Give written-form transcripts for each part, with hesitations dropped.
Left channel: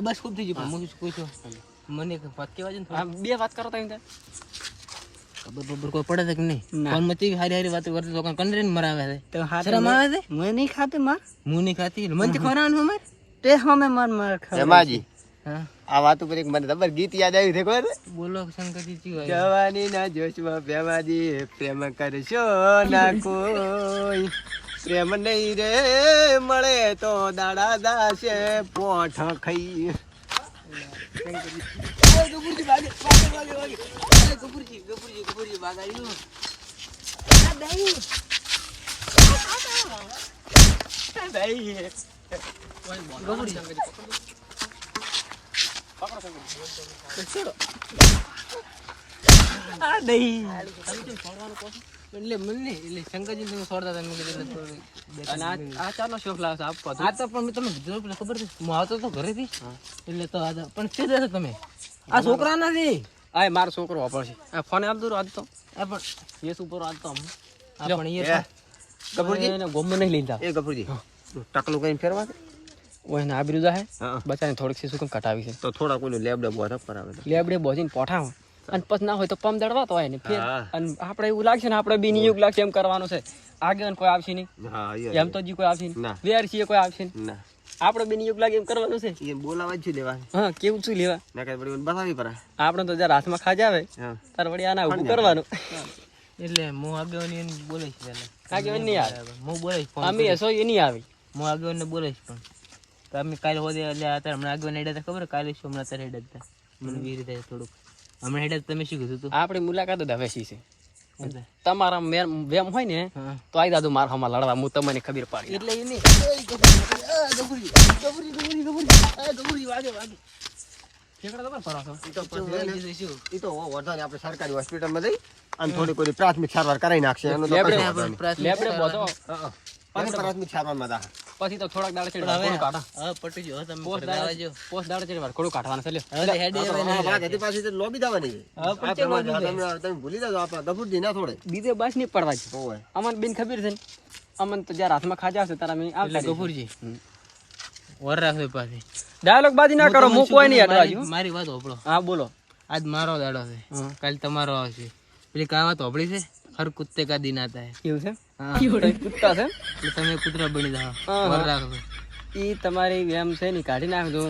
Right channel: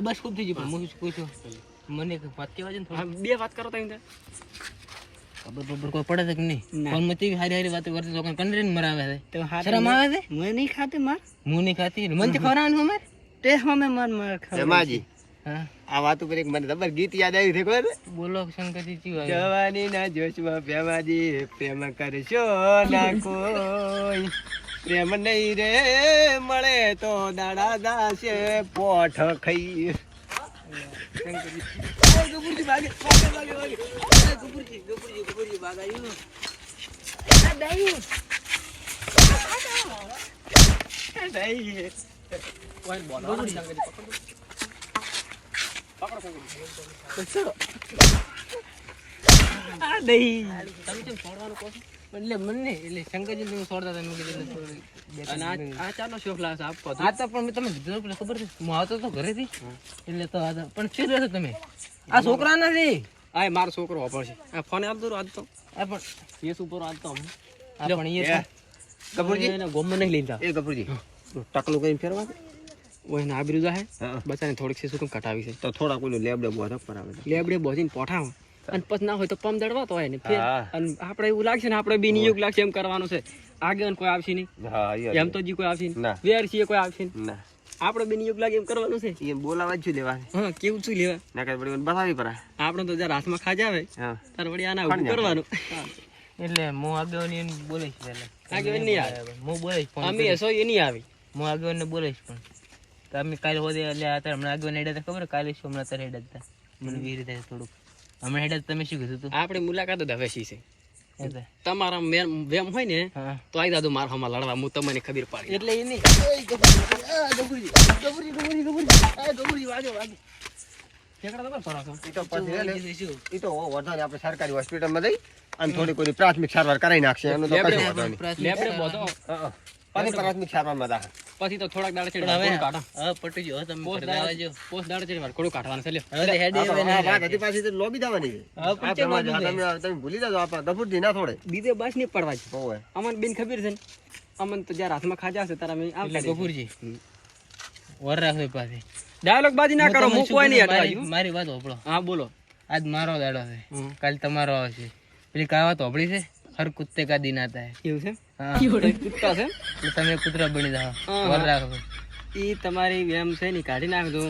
બસ ખૂબ થઈ ગયું. પણ હું પૂછું મને એક વાત કહેવા છે ને થોડી. બે વાત કરો તઈ ખબર કોઈ પડે છે કે નહીં? ફોન માં ચીવી હારી વાતો કરતી તો કંડરીને મરાવે છે. તો શરમ આવે છે? હું નહીં ખાતી માર. હું નહીં ખાતી મને તો ખવડાવવાનું અમાર. તે હમે માર ખાવ. એમાજી હા આ વાત ઉપર એક મને ખબર ગીત યાદ આવ્યું છે ખબર? બોલો શંકરજી ચી વાત? જવાની ના જોશમાં પ્રેમાજી પ્રેમ કરશો ના કોઈ પ્રેમ નહીં રે મળે તો દાડા દાશે પોઠ ખાઈ ગબુરજી ભાગે ગબુરજી ભાગાડી આ દઈ કોઈ બોલો શંકરજી પકડો આ દઈ તમે કેમ છોડવાનું કહો? એટલે મને એટલે શંકરજી તમે છોડતા તમે કીધું અને આ ચાનો શોખ લાવશે આપો. આ તો પણ તમે કીધું ખબર છે હું આવતો તો ઘરેથી એટલે તો આ પણ શું રહેશો તમે? આ છોકરા નથી. આ મારો છોકરો વાપરશે. આ ફોન આપ દો આજ તો. આ પણ કેસ ઉપર આજ તો આ પણ એ ગફુરજી એને ગોમ નહીં લીધા. એ ગફુરજી ટકલું કઈ ફેરવા દે. ઓને આબરૂ જાય બચાને થોડીક સીસું કેમ કટાવી છે. તો થોડા કોઈનું લેબડે બોધક કરાવે લેબડે બોજીને પોઠાવ અને પછી ના હોય તો પમ દડવાતો હોય ને ફેર અને આપણે એવું લાગશે ને આપણે બી નિયુગ લાગશે એમ કરવાનું છે. આગળ કોઈ આવશે નહીં. હા એમ તો જી કોઈ આવશે ના. નહીં. વેર છીએ કોઈ આવશે નહીં. ના આપણે બી નિયુગ લાગે એમ કરવાનું છે. એ બોલાવા જ લેવા હા કેવું શું લેવા ના કઈ વળી બતાવી પરા. આપણે તો જરા હાથમાં ખાજા આવે હા તાર વળી આના ઉભું કરવાનું. એટલે હું આગેવાની બોલીશ પહેલા. આગેવાની નહીં આવે. હું બોલીશ ફોન અમે એસો એ નહીં આવી. હું આગેવાનને બોલીશ પણ તમે કાલે હોદે એટલે અત્યારે હમણાં આગેવાન હેડા હતા ખબર? કાલે શું હમણાં અત્યારે હેડા હતા મને વી રીતે થોડુંક હમણાં હેડા તમે શું કીધું હતું? આપણે મુલાકાત જ હવે છે. એટલે તમારા વેમ હોય ને હા તો આઈ દાદુ માર હમા લડવા હું તમને ખબર પાડી. એટલે એ નહીં ઈ તો વધારે આપણે સરકારી હોસ્પિટલમાં જઈ અને થોડી કોઈ પ્રાથમિક સારવાર કરાવી નાખશે એનું તો કશું વાંધો નહીં. લેબડે બોધો પછી પ્રાથમિક સારવારમાં દા પછી તો થોડાક દાડા ચડે હવે કોડું કાઢો. હવે પટી ગયો તમે પોસ્ટ ઘરે જવા જો. દાડા ચડે વાર કોડું કાઢવાનું છે. લ્યો હવે હેડે આ તો આ ભાગ હતી પાછી તો લોબી દાવાની છે. હવે આ પ્રમાણે તમે ભૂલી જાજો આપા ગફુરજી ના થોડે બીજે બસ નહીં પડવા છે. હોવે અમને બેન ખબર છે ને અમને તો જ્યારે હાથમાં ખાજા હશે તારા મેં એટલે ગફુરજી વર રાખજો પાછી. ડાયલોગ બાજી ના કરો હું કોઈ નહીં મારી હટવા. મારી વાત હોભળો. હા બોલો. આજ મારો દાડો છે કાલ તમારો આવશે. પેલી કહાવત હોભળી છે હર કુત્તે કા દિન આતા હે. કેવું છે હા કુત્તા છે એટલે તમે કૂતરા બની જાઓ. હા. વર રાખજો. ઈ તમારી વેમ છે ને કાઢી નાખજો.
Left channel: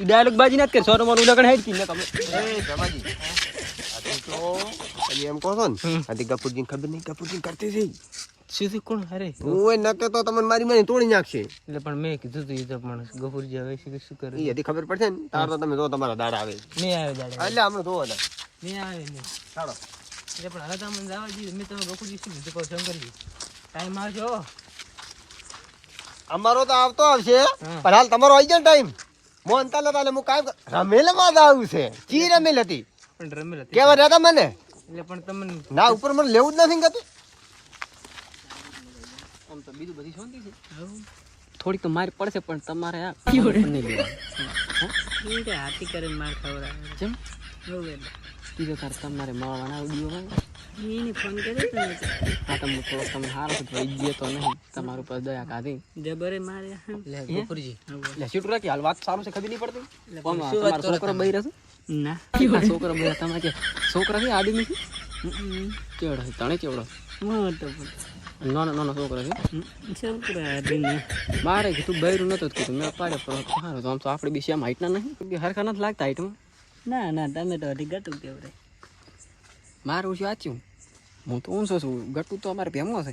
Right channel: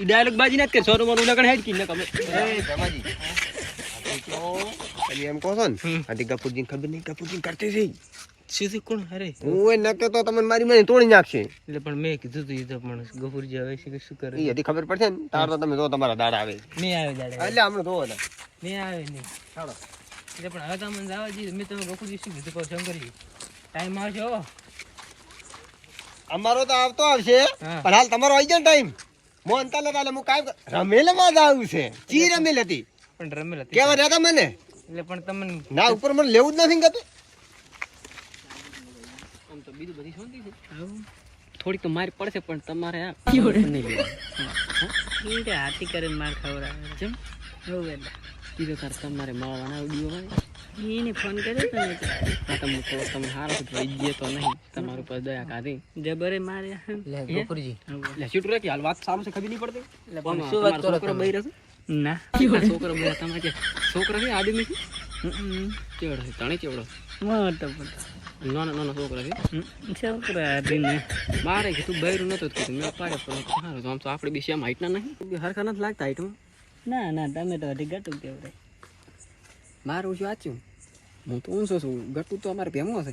ઈ ડાયલોગ બાજી ના કરે સોનો મોનું લગન હેડ કી ને તમે એ જમાજી આ તો તમે એમ કહો છો ને આથી ગફુરજીને ખબર નહીં ગફુરજી કરતી છે શું કોણ અરે હું એ નકે તો તમને મારી મને તોડી નાખશે. એટલે પણ મેં કીધું તું એ તો પણ ગફુરજી હવે શું કરે? એ હજી ખબર પડશે ને તાર તો તમે જો તમારા દાડા આવે નહીં આવે દાડે એટલે હમણાં જોવો ને નહીં આવે નહીં. ચાલો એટલે પણ હવે તમને જવા દઈએ. મેં તમે ગફુરજી શું કીધું કહો શંકરજી ટાઈમ આવશે હો. અમારો તો આવતો આવશે હા. પણ હાલ તમારો આવી જાય ટાઈમ મોન તાલે તાલે હું કાયમ રમેલમાં જ આવું છે ચી રમેલ હતી પણ રમેલ હતી કેવા રહેતા મને એટલે પણ તમને ના ઉપર મને લેવું જ નથી ગતું. આમ તો બીજું બધી શાંતિ છે. થોડીક તો મારી પડશે પણ તમારે આ નહીં લેવાનું. કે હાથી કરીને માર ખવડાવે જેમ હવે કીધું તાર તમારે માવાના દીવો એને ફોન કર્યો તો ને હા તો હું થોડોક તમે હારો છો ભાઈ ગયો તો નહીં તમારું પર દયા કાઢી જબરે મારે ગફુરજી એટલે શૂટ રાખી હાલ વાત સારું છે ખબર નહીં પડતી. પણ શું વાત તમારો છોકરો બઈ રહેશે ના છોકરો બઈ તમારે જે છોકરા છે આદમી છે ચેવડો છે તણે ચેવડો મોટો નાનો નાનો છોકરો છે છોકરા આદીને મારે કીધું બૈરું નતો જ કીધું મેં પાડે પણ સારું તો આમ તો આપણે બી સેમ હાઈટના નહીં હરખા નથી લાગતા હાઈટમાં. ના ના તમે તો હજી ગટું કેવડે મારું શું વાંચ્યું હું તો ઊંચો છું ગટું તો અમારે ભેમો છે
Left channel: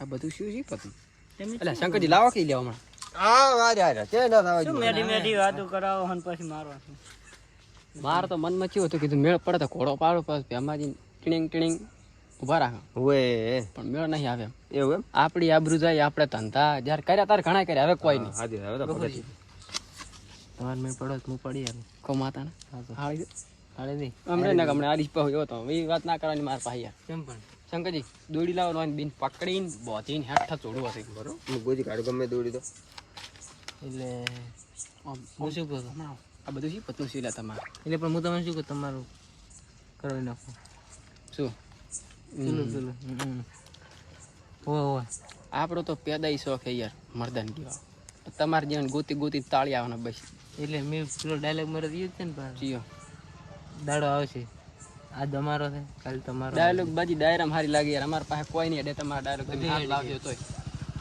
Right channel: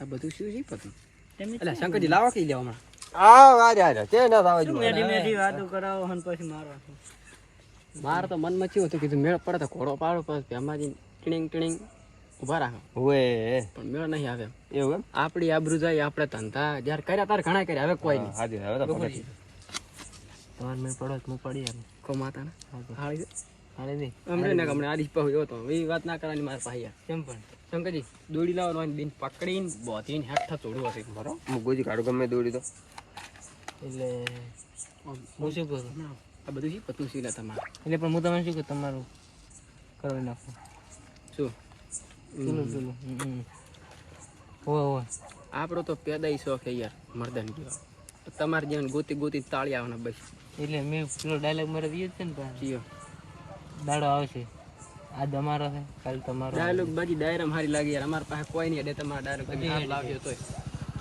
આ બધું શું છે પતું તમે એટલે શંકરજી લાવો કઈ લેવા હમણાં આ વાજ આ તે ના થવા શું જોઈએ. મેડી મેડી વાતો કરાવો હન પછી મારવા છે. મારે તો મનમાં કેવું હતું કીધું મેળ પડે તો ઘોડો પાડો પછી ભેમાજી ટીણીંગ ટીણીંગ ઊભા રાખે હોવે પણ મેળ નહીં આવે એવું એમ આપણી આબરૂ જાય આપણે ધંધા જ્યારે કર્યા તાર ઘણા કર્યા હવે કોઈ નહીં હાજી હવે તો પગથી તમાર મેં પડો તો હું પડી આવ્યો કો માતાને હાળી દે હાલે નહીં હમણાં ના હમણાં આરીશ પાહુ એવો તો એ વાત ના કરવાની મારા પાસે યાર કેમ પણ શંકરજી દોડી લાવવાની બેન પકડીને બોધીને હેઠા ચોડ્યો હશે બરો હું ગોજી કાઢું ગમે દોડી તો એટલે હું શું કરું ના આ બધું શું પતલું શીલા તમારે એટલે પણ હું તમને શું કહું તમારું કરવી નાખું શું પેલું હો આપણો તો પેદાઈ શોખ છે યાર મર્દાન કેવા તમારે જેમ ગોતી ગોતી તાળી આવવાના બસ એટલે મેં પેલો ડાયલોગ મારે દીધો છે ને પણ કયો દાડો આવશે આજ અમારો છે કાલ તમારો ડાયલોગ બાજી ડાયરામ હારી લાગી યાર અમારા પાસે કોઈ નહીં એટલે તમારા ડાયલોગ બધી બધી હેડી લાગ્યો તોય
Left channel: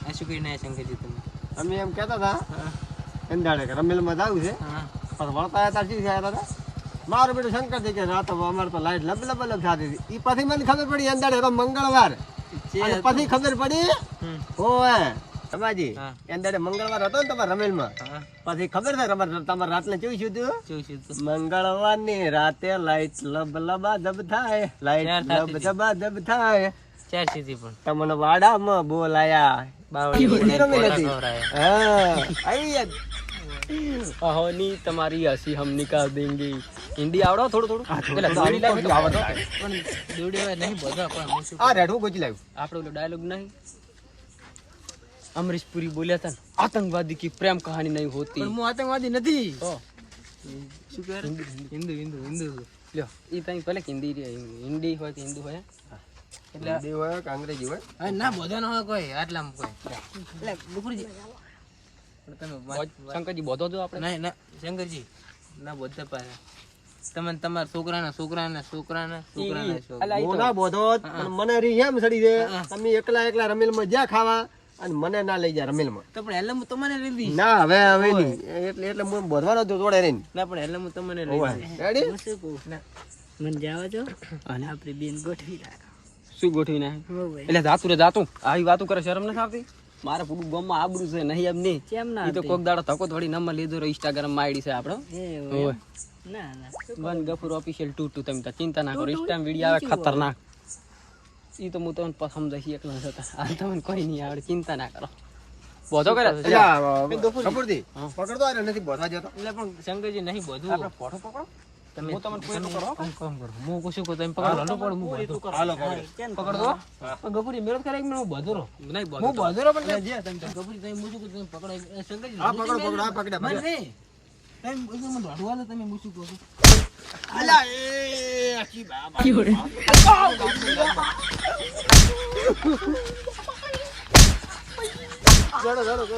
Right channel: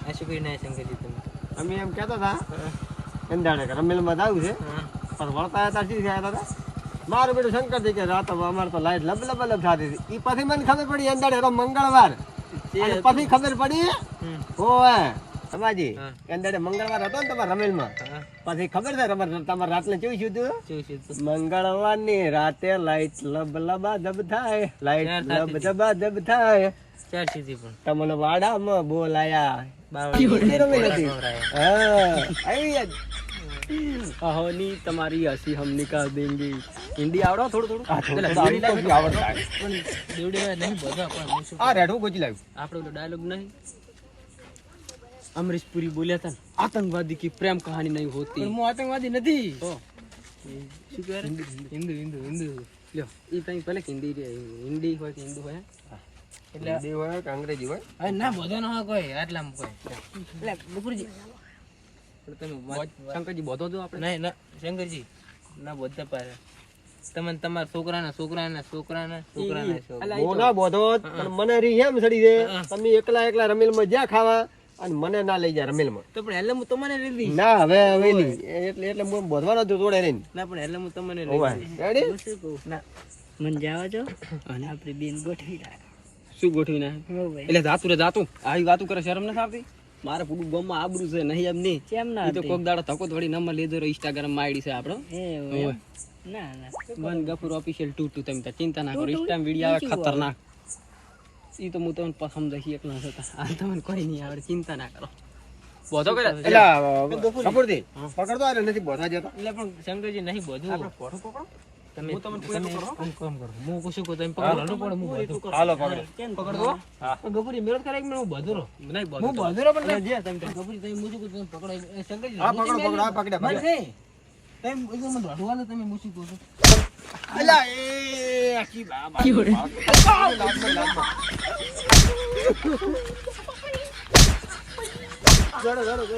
આ શું કરીને આયા શંકરજી તમે અમે એમ કહેતા હતા એમ દાડે કે રમેલમાં જવું છે હા પણ વળતા હતા શું થયા હતા મારું બેટું શંકરજી કે રાતો અમારે તો લાઈટ લબ લબ લબ થતી હતી એ પછી મને ખબર પડી એમ દાડે મંગળવાર અને પછી ખબર પડી ઓય સમાજી હા. એમ દાડે મંગળવાર હતો ને તમારા રમેલમાં હા પછી ખબર છે તમારે રાતને કેવું શું થયું શું શું તો મંગળવાર ની રાતે લાઈટ લબ લબા દબ થાય લાઈટ ક્યાં લબ થતી દબા દબ થાય ચાર સીધી પણ તમને વાડામાં બોલાયા બાવળી ઈ રમેલ હતી. હા આઈ યાદ. અહોની તમારી હસી હમ નિકાલ દેંગે હિન્દી આવડો થોડું થોડું આ થોડું થોડું આવી તો બી આવડતા હોય. પણ દોડીમાં નહીં બધો પણ હું શું આ રેડવું ગોચી લાવ્યું આપણે ઓલો ડાયલોગ નહીં અમરીશ પુરી બોલ્યા હતા ને, આતંકવાદી की प्रेम कहानी नहीं होती પણ હું આતંકવાદી નથી તો શું કરે હિન્દુ હિન્દુ હિન્દુ લ્યો ઈ તઈ ભલે કે હિન્દી હોય કે હિન્દુ હોય એટલે હિન્દી હોય કે અંગ્રેજી હોય અરે ના બધા નો હોય કોઈ આટલામાં કોઈ એટલે બપુરજી પણ તમે શંકરજી બોધો તો આપણે નહીં ના શંકરજી ના બધા પારે તમે તમારા છોકરાના છોકરાના છોકરાના છોકરાના છોકરા બહુ ના બોધો પણ મને રી એમ સડી દે તમે એકલા એકલા રમેલમાં જ્યાં ખાવા અને મને ના લઈ જા રમેલમાં તો પણ એટલે હું તમને લઈ દઈશ ના હવે નહીં એટલે હું બોધવાનો હતો તોડે રહીને ના પણ એટલે હું તમને લઈ હોવે. દઈશ રેડી ના મને જવા દો અને આપણી બેન ગોઠવી શું ગોઠવી નાખે એટલે જાતું રે જાતું આવી વાતું કરે શરમ નથી આવતી મારે પૂરું ગામમાં આબરૂ છે નહીં એમ નહીં કેમ ઈ તો કોક દાડો ધક્કો થોડી નંબર લીધો રે ઇન્સ્ટાગ્રામ માં આઈડી છે આપણો હોવે. ના ના વન ગફુર ઓફિશિયલ 22 તમે તો ચિંતા ના કરો ઇન્સ્ટાગ્રામ વિડિયો આવે ખતરનાક ઈ તો હું તમને સમજાઈ એકલો હતા આ તમને કોઈ નહીં આવડે ચિંતા ના કરો બોધો કરે એટલે કપૂરજી પકડતો આ નથી બોધવા જતો એટલે પણ શંકરજી નહીં બધું ફોટો પકડો તમે તમે કામ કરો હું પૂછું કે તમે પકડો હાલો પણ હું બધું હાલો પકડો પકડો પણ ગફુરી મેળ કરે કે હું બધુરો નહીં હું બોધો બધુરો પણ જે તમે ગફુરી તમે મૂછું કે તમે પકડો એ શંકરજી હા પકડો પકડો આ પકડ્યા મને પકડ્યા નહીં તમે મને દોડવા દો તમે મૂછું કહો છો અલા એ આખી બાબા ગડો ગડો ગડો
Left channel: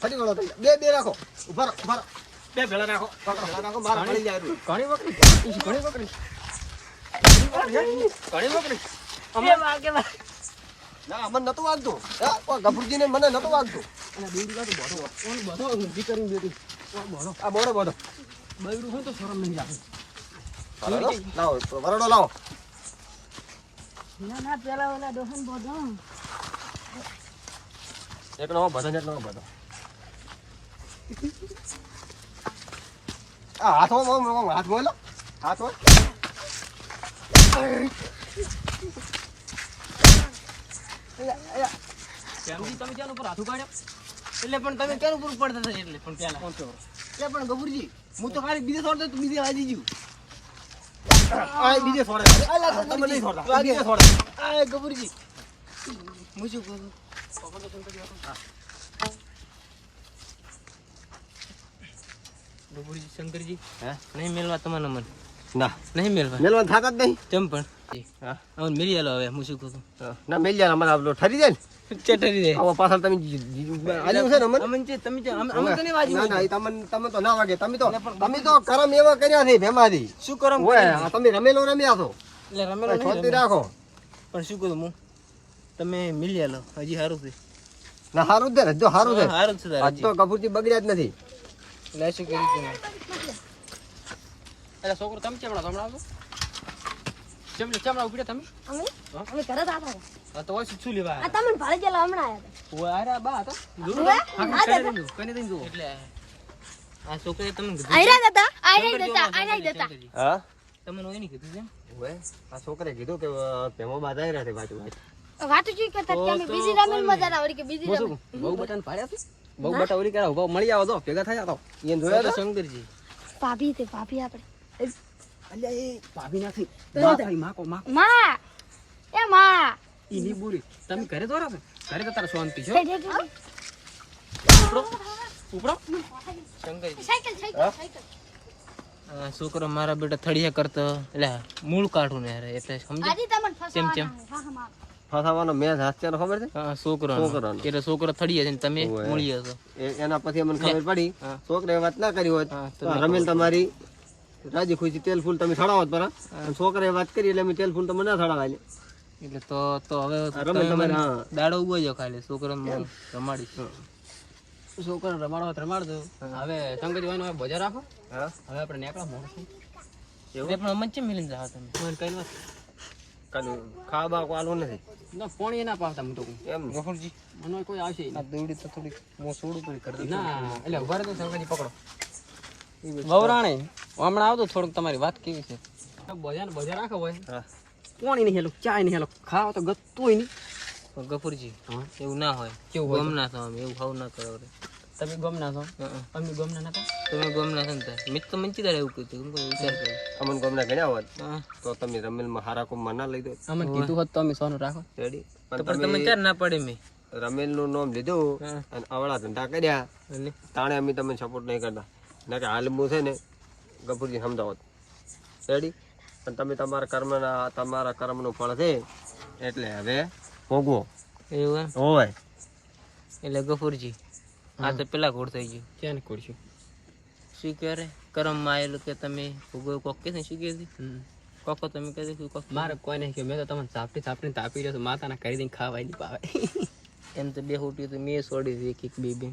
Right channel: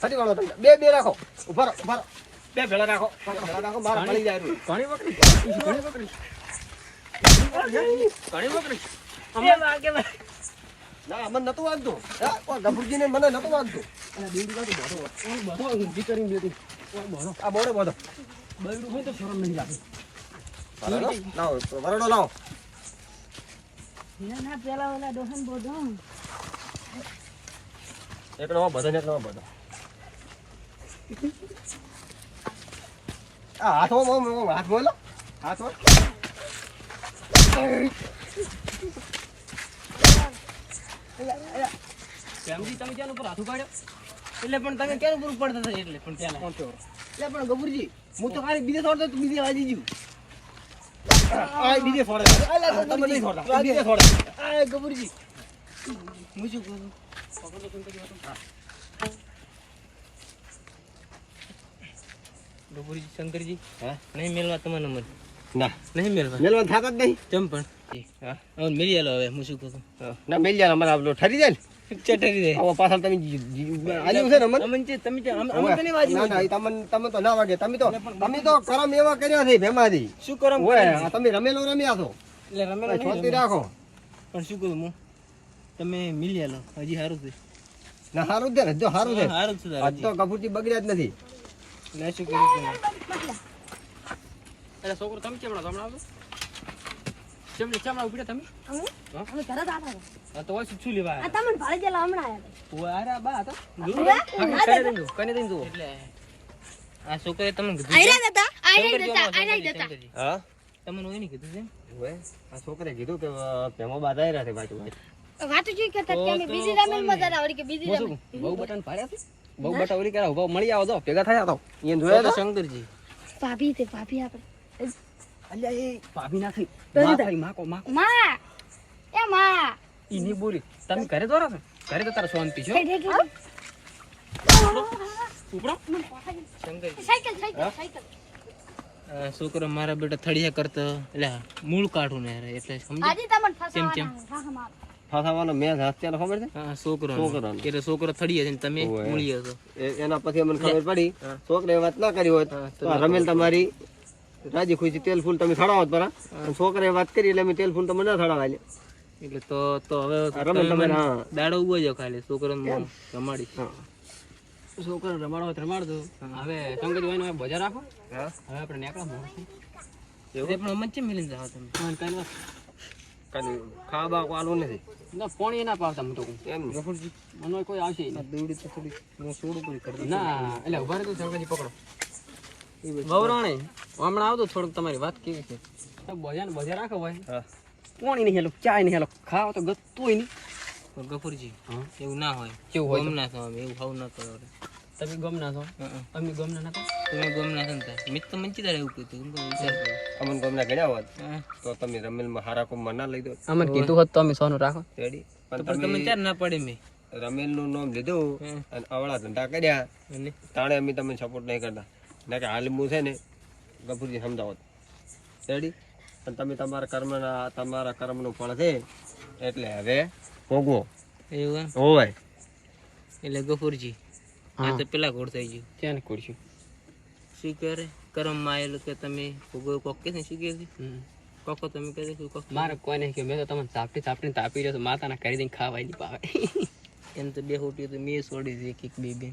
ફરી વાળો તમે બે રાખો ઉભા રહો બે ભેળા રાખો મારા મળી જાય રૂ. ઘણી બકરી ના મને નતું વાગતું ગફુરજી ને મને નતું વાગતું અને બેડી કાઢો બોધો ઓન બોધો ઊંધી કરીને બેટી બોધો આ બોડો બોડો બૈડું હોય તો શરમ નહીં લાગે લાવો વરડો લાવો ના પેલા ઓલા દોહન બોધો એકલો બધો ને એકલો બધો આ હાથ બોલો હાથ બોલ કેમજી તમે ક્યાં ઉપર હાથું કાઢ્યો એટલે પણ તમે કેનું પૂરું પડતા હતા એટલે પણ પેલા કોણ છો એટલે પણ ગફુરજી હું તો ખાલી બીજે છોડતો તું બીજે વાજી ગયું આ બીજે છોડે તમે નહીં છોડતા આ બીજે છોડે આ ગફુરજી હું શું કરું ગફુરજી શંકરજી હે નહીં મેળવા તમારા નંબર ના નહીં મેળવા મેલવાન થાતા જ નહીં તેમ પણ હા હવે મેળી આલો હવે હું શું કરું ના મેલ જાય અમારે આપણો ઠરી જાય ને ચટરી દે આવો પાછળ તમે આજુ છે ને અમન અમન છે તમે અમે તો નહીં વાજી ના ના તમે તો ના વાગે તમે તો કરમ એવા કર્યા છે ભેમાથી શું કરો ઓય આ તમે રમેલો રમ્યા છો એટલે રમેલો નહીં છોડતી રાખો પણ શું કરું હું તમે મિલી આલો હજી સારું છે ના હારું જ છે જો હારું છે સારું છે આજ તો કપૂરજી બગડ્યા જ નથી એટલે શું કર્યું તમે એટલે છોકરો તમે ચમડા સમજાવો ચમડા ઉભી તમે અમે અમે ઘરે હતા હા તો હોય શું લેવા આ તમને ભાડે જેલા હમણાં આવ્યા ઓય આરા બા હતા કને દઈ જુઓ એટલે આ છોકરે તમને કીધું આયરા હતા હા તમને હોય નહીં કીધું છે ઓય આ છોકરે કીધું કે ભેમો બાધાઈ રહ્યા છે ભાઈ વાતો જોઈ કરતા કે અમે બીજી રમેલ મજા આવડી કે બીજી રમેલ બહુ બટન પાડ્યા છે બહુ બટા ઓરી કરા ઉભા મળી આવો તો ભેગા થયા તો એ જોયા તો શંકરજી ભાભી તે ભાભી આપણે અલ્યા એ ભાભી ના થઈ તો માં થઈ માકો માં માં એ માં ઈ ની બોલી તમે ઘરે દોરા છો ઘરે તો તારા શાંતિ છો ઉપડો શંકરજી સાયકલ સાયકલ આ છોકરો મારા બેટા થળિયા કરતો એટલે મૂળ કાઢું ને યાર એટલે સમજ આજે તમને કેમ ફસાવાના હા હા માર ફસાવાનો મેચ હાસ્યાનો ખબર છે હા છોકરો છોકરાનો. એટલે છોકરો થડીએ છે ને તમે ઓવે. મૂળીએ છો એના પછી અમને ખબર પડી હા. છોકરે વાત ના કરી હોત હા, તો રમેલ તમારી રાજી ખુશી તેલ ફૂલ તમે છડાવો પરા છોકરાએ વાત કરી એટલે અમે તેલ ફૂલ તમને ના છડાવા એટલે તો હવે રમેલ તમારે હા દાડો ઉગો જો ખાલી છોકરો રમાડી છોકરો રમાડો હવે સંગત હોય ને બજાર રાખો હા હવે આપણે નીકળો મોડું એવું પણ અમને ચેમ મિલીને જાવ તમે ફોન કરી વાત કાલે ખાવા બા આલું નથી ના પાણી ના પાવતા હું તો કહું. એમ ગફુરજી મને કોઈ આવશે આ દોડી તો થોડી હું સોડું કરી કરી ના એટલે ઉભા રહેતો શંકરજી પકડો વવરાણે હમણાં આવતો થોડુંક તમારી વાત કેવી છે બજાર રાખો ભાઈ હા પાણી નહીં હેલો ચાય નહીં હેલો ખાવા તો ગતું નહીં ગફુરજી હા એવું ના હોય કેવું હોય ગમ ના થવા એવું હાવ ના કરો તમે ગમ ના છો અમે ગમ ના કરો તમે ગમ ના થતા મિત તો મંચી દાડે એવું કીધું કેમ કે વિચાર કરો અમને ગમના ગણ્યા હોત હા તો તમે રમેલમાં હારા કોમમાં ના લઈ દો અમને કીધું હોત તો અમે સોનું રાખો રેડી તો પણ પણ તમે ચાર ના પડે મેં રમેલનું નામ લીધું હા. અને અવળા ધંધા કર્યા અને તાણે અમે તમને સપોર્ટ નહીં કરતા ના કે હાલ હું છે ને ગફુરજી સમજાવત રેડી અને તમે તમારા કર્મનું ફળ છે એટલે હવે ભોગવો એવું એમ હોય એટલે ગફુરજી આ તો પેલા ઘોડ થઈ ગયું ક્યાં ને કુડશું શું ક્યારે કરમમાં આવેલું કે તમે ભોગવો કોક કે શું કીધી કોકો તમે કીધું કે કોક મારે કોઈ નહીં કે મેં તો તમને ચાપટી તાપી રહ્યો માતાના કરી દઈને ખાવાય નહીં પાવે એમ તો બે હોટી તો મેં છોડી દે એક બે બે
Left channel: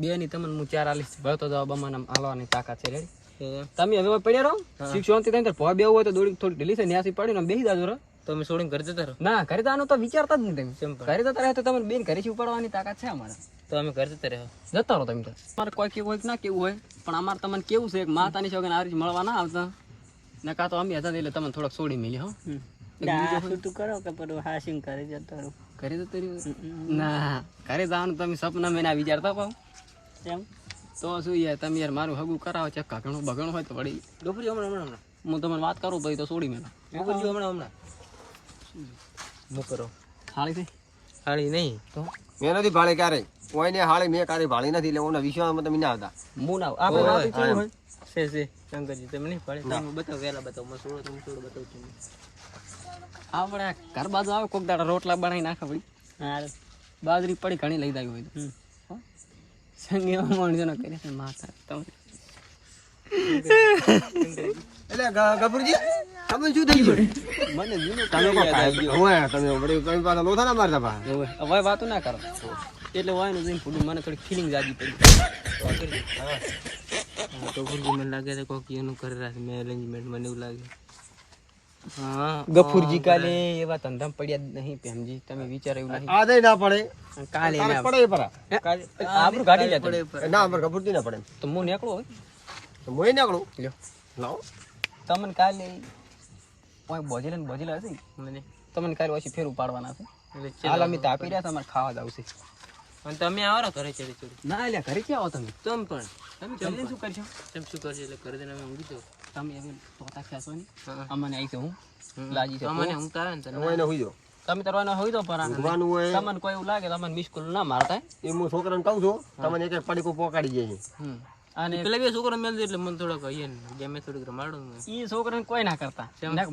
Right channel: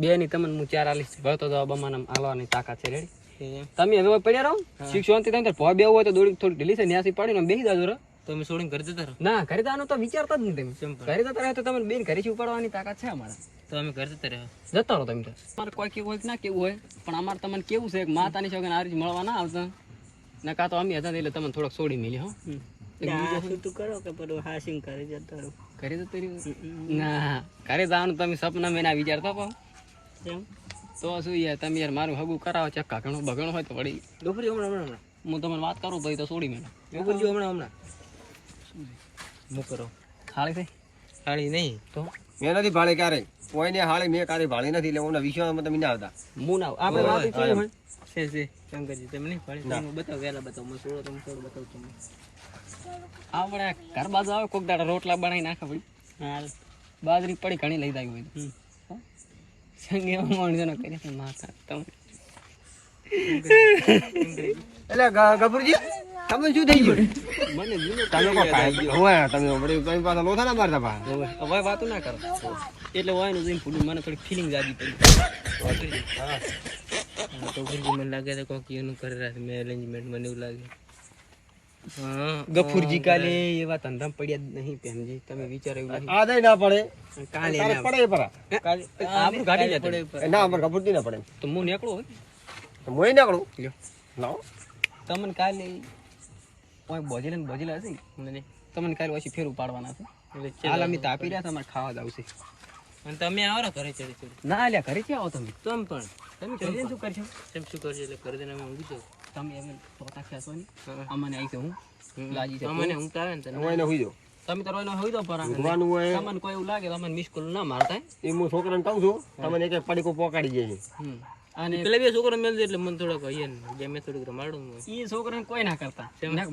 બે ની તમને હું 4 આલીશ ભરતો જવાબ અમાને હાલવાની તાકાત છે રેડી એમ તમે હવે પડ્યા રહો શિક્ષણ થી થાય ભો બેવું હોય તો દોડી થોડી ઢીલી છે ન્યાસી પડીને બેસી જાજો રો તમે છોડીને ઘર જતા રહો ના ઘરે જવાનું તો વિચારતા જ નહીં તમે કેમ પણ? ઘરે જતા રહો તો તમે બેન ઘરેથી ઉપાડવાની તાકાત છે અમારે તો અમે ઘર જતા રહ્યો જતા રહો તમે તો તમારે કોઈ કેવું હોય કે ના કેવું હોય પણ અમારે તમને કેવું છે કે માતાની છોકરીને આ રીતે મળવા ના આવતા ને કાં તો અમે હતા ને એટલે તમને થોડોક છોડી મેલી હો તું કરો કે પેલું હાસિંગ કરી જતો રહો ઘરે જતો રહ્યો ના ઘરે જવાનું તમે સપના મેં ના વિચારતા પાવ કેમ તો શું યાર તમે યાર મારું હગું કરાવો ચક્કા ઘણું બગણું હોય તો વળી ગફુરજી હમણાં હમણાં હું તમને વાત કરું ભાઈ તો છોડી મેલા ગફુરજી હમણાં હમણાં હું કરો હાળી છે હાળી નહીં તો મેં નથી ભાળી ક્યારે કોઈને હાળી મેં ક્યારે ભાળી નથી એટલે ઓના વિશ્વાસમાં તમે ના આવતા હું ના આપણે વાત કેવું હોય છે શંકરજી તમે નહીં પાડી તમે બતાવો વહેલા બતાવો મને છોડો તમે છોડો બતાવું છું આપણે ઘર બાજુ આવે કોક દાડા રોટલા બનાવી નાખે ભાઈ બાજરી પડી ઘણી લઈ જાય હોય તો હો? સંગે એવા માણસોને કર્યા છે માથા તમે એટલે ગફુરજી તમે શું થઈ ગયું મને જીને તમે કો હોય તમે વળી કઈ પાછા લોથા ના મારતા પા હવે વાતો ના કરો એટલે હોય ને જઈને ફૂડું મને થોડી ફિલિંગ જાગી પડી ગફુરજી મને લાગે છે કોક એનું કરી રાખે મેં અરેન્જમેન્ટ મને એવું લાગે હા ગફુરજી કાલે એવા ધંધા પડ્યા જ નહીં તેમજી તમે વિચાર્યું નહીં આ દઈ ના પડે કાલે તારે પડે પરા આપણું ગાડી લે પડે ના અમારે ગફુરજી ના પડે તો હું નીકળું હોય તો મોય નીકળું લ્યો લાવો તમને કાલે કોઈ બોજેલા હશે મને તમને કાલે પછી ફેર ઉપાડવાના છે એટલે હાલ અમે તાપી રહ્યા તમારે ખાવા જાવ છે અને તમે આવો ને ઘરે ચડી ચડી ના લ્યા ઘરે ક્યાં આવો તમે તમ પણ તમે કરીને શું કરશો તેમ શું કરજો એટલે ઘરે જઈને અમે ઊંઘી જાઉં તમે હવે પોતા ખેંચો ને અમને આવી છે હું લાજી છે મને ઊંઘ આવે ને તને હોય ને હુઈ જો તમે તો રોનો હોય તો પર ઊંઘવાનું હોય તમને કોઈ એવું લાગે તમને મિસ કોલ ના મારતા એ હું છોકરાને કહું છું તમને એક એક પડીકો પોકાડી જાય છે અને પેલા બે છોકરો મેળજે એટલે મને થોડોક અહીંયા બે મેં થોડીક રમાડો એ છોકરાને કોઈ ના કરતા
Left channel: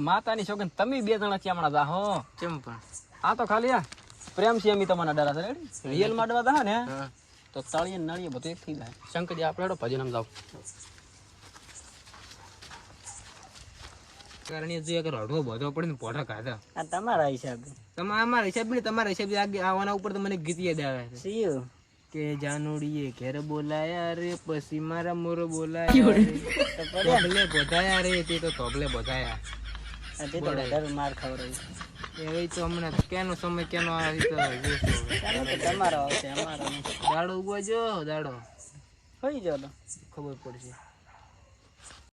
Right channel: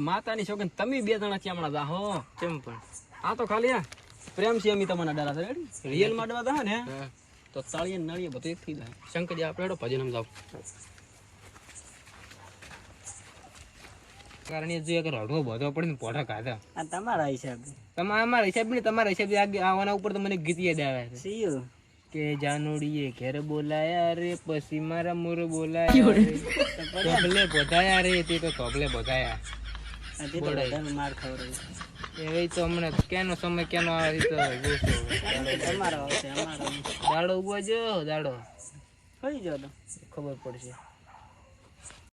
માતાની છોકરી તમે બે જણા ચામડા દા હો કેમ પણ આ તો ખાલી આ પ્રેમ છે એમ તમને ડરા છે રેડી રિયલ માં ડવા દા ને હા તો તળીએ નળીએ બધું એક થઈ જાય શંકરજી આપણે હેડો ભજન આમ જાવ કારણ એ જોઈએ કે રડવો બધો પડે ને પોઠા ખાધા તમારા હિસાબે અમારા હિસાબ નહીં તમારા હિસાબે આવવાના ઉપર તો મને ગીત યાદ આવે છે કે જાનુડીએ ઘેર બોલાયા રે પછી મારા મોર બોલાયા રે તોબલે બોધાયા રે તે તો તોબલે બોધાયા એ તો હમણાં કેનો સમય કેનો આવે તો દાડો ઉગવા જો દાડો ખબર પડશે